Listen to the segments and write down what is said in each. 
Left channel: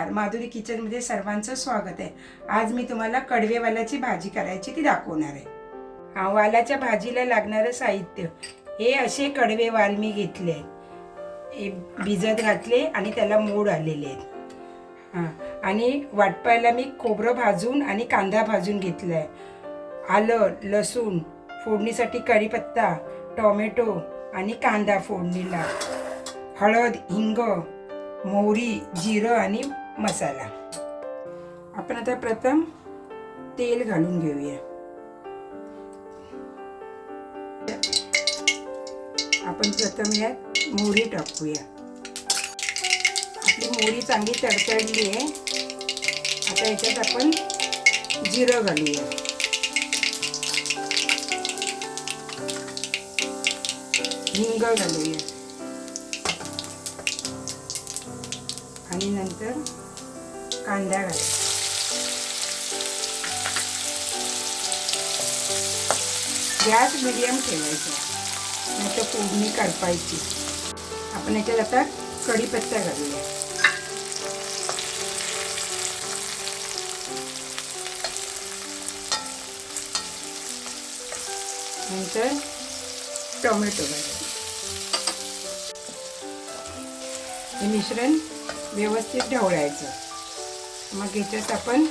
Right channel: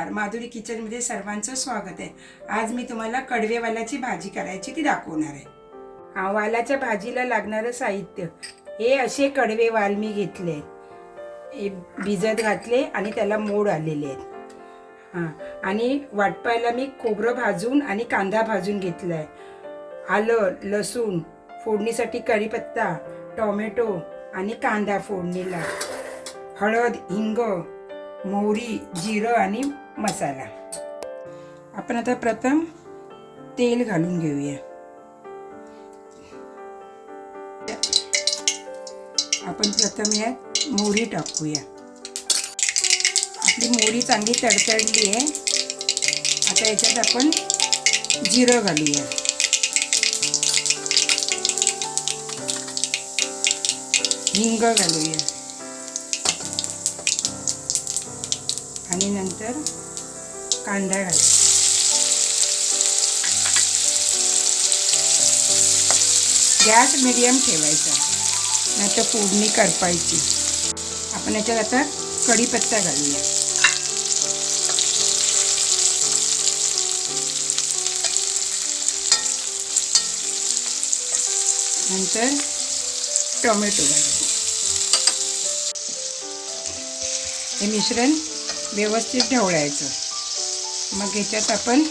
नमस्कार, माधुरी किचनमध्ये सर्वांचं स्वागत आहे। आज मी तुम्हाला कडवे वालाची भाजी करायची ती दाखवणार आहे। वालाच्या भाजीला लागणारं साहित्य हे असे कडवे वाल मी घेतले, हे भिजत घातले आणि त्याला मोड आलेले आहेत। आणि वाटपायला मी खोबरं भाजून आणि कांदा भाजून घेतलाय, आलं लसूण फोडणीसाठी कढीपत्ता, टोमॅटो आणि कांदा फोडणीला, हळद, हिंग, मोहरी, जिरं आणि मसाला। आपण आता प्रथम तेल घालून घेऊया। आपण प्रथम यात मोहरी टाकूया। आपली मोहरी चांगली तडतडली आहे। आता याच्यात आपण जिरं घालूया, हिंग घालूया आणि नंतर कांदा घालूया। गॅस मीडियम ठेवायचा, नाहीतर फोडणी करपायची। आपण याच्यात आता कढीपत्ता घालूया, नंतर टोमॅटो घालूया। हे मिश्रण व्यवस्थित ढवळायचं। मग याच्यात आपण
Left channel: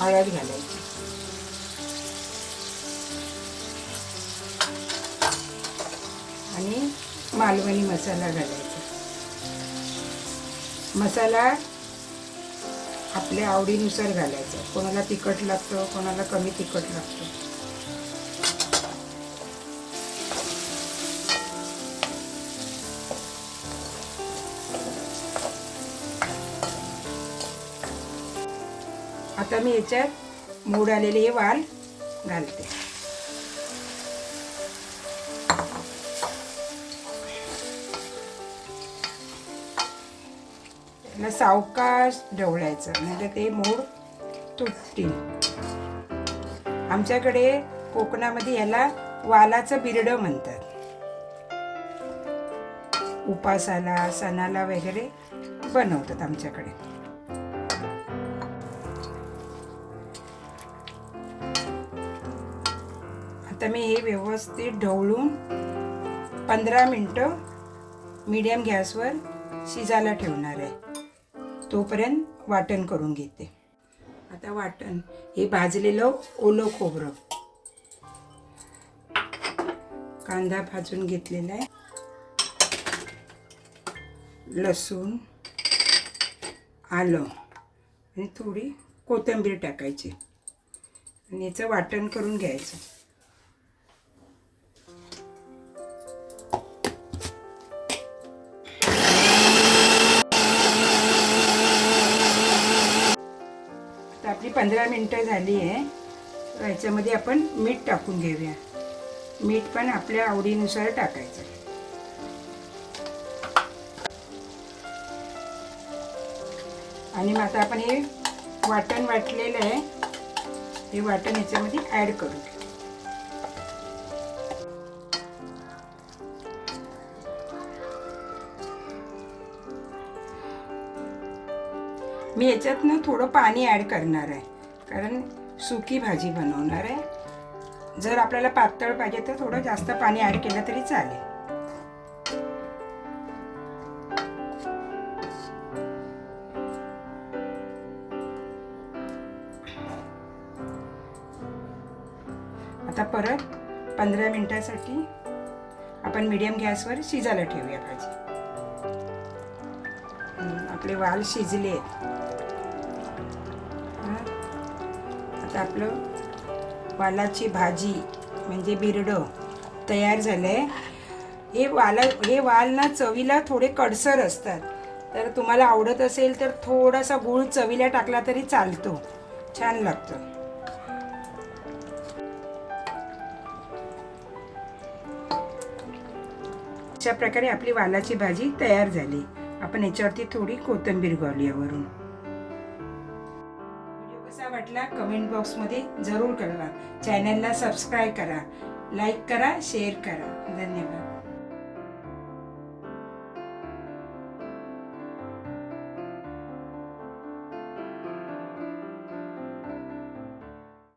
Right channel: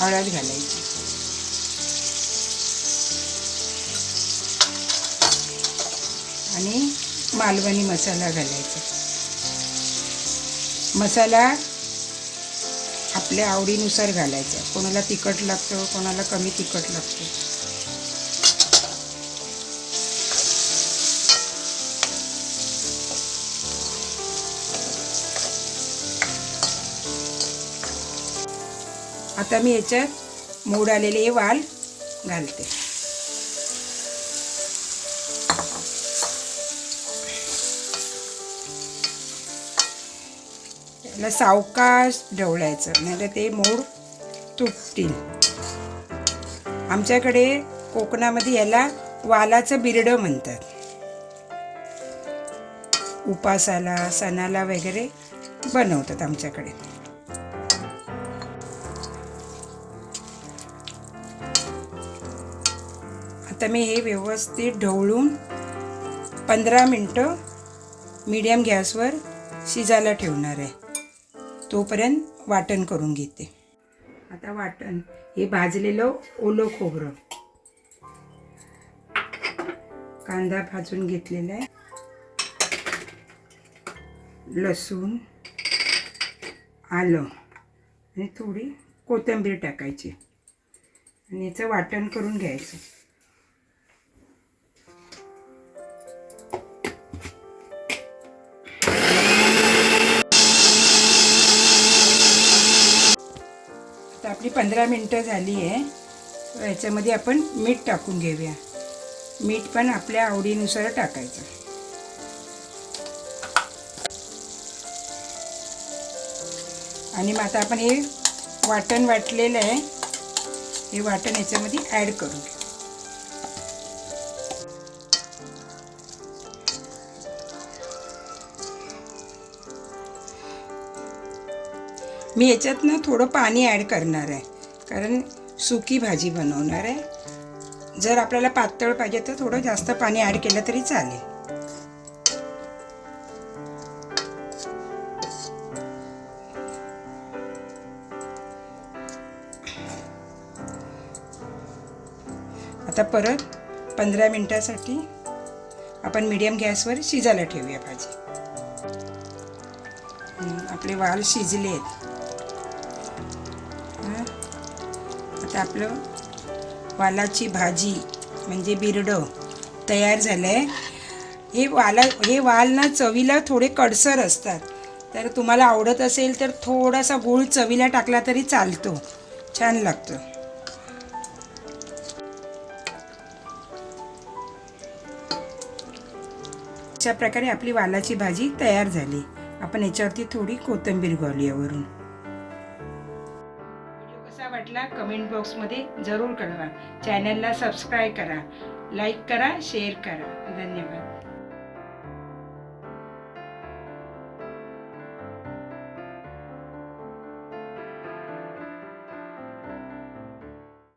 हळद घालायची, आणि मालवणी मसाला घालायचा। मसाला आपल्या आवडीनुसार घालायचा, कोणाला तिखट लागतं, कोणाला कमी तिखट लागतं। आता मी याच्यात मोड आलेले वाल घालते। त्याला सावकाश ढवळायचं, नाहीतर ते मोड तुटतील। आमच्याकडे कोकणामध्ये याला वालाचं बिरडं म्हणतात। उपासाला सणाला वगैरे बनवतात आमच्याकडे। आता मी हे व्यवस्थित ढवळून 15 मिनिटं मीडियम गॅसवर शिजायला ठेवणार आहे। तोपर्यंत वाटण करून घेते। आता वाटण हे भाजलेलं ओलं खोबरं, कांदा भाजून घेतलेला आहे, लसूण, आलं आणि थोडी कोथिंबीर टाकायची आणि याचं वाटण करून घ्यायचं। आपली 15 मिनिटं झाली आहे। याच्यामध्ये आपण मीठ टाकून घेऊया। मीठ पण आपल्या आवडीनुसार टाकायचं। आणि मग आता आपण हे वाटण वाटलेलं आहे, हे वाटण याच्यामध्ये ॲड करू। मी याच्यातनं थोडं पाणी ॲड करणार आहे, कारण सुकी भाजी बनवणार आहे। जर आपल्याला पातळ पाहिजे तर थोडं जास्त पाणी ॲड केलं तरी चालेल। आता परत 15 मिनिटासाठी आपण मीडियम गॅसवर शिजायला ठेवूया भाजी। आपले वाल शिजले आहेत। आता आपलं वालाची भाजी म्हणजे बिरडं तयार झालं आहे। हे वाल ना चवीला थोडे कडसर असतात, तर तुम्हाला आवडत असेल तर थोडासा गूळ चवीला टाकला तरी चालतो, छान लागतं। अशा प्रकारे आपली वालाची भाजी तयार झाली। आपण याच्यावरती थोडी कोथिंबीर घालूया वरून। व्हिडिओ कसा वाटला कमेंट बॉक्समध्ये जरूर कळवा। चॅनलला सबस्क्राईब करा, लाईक करा, शेअर करा। धन्यवाद।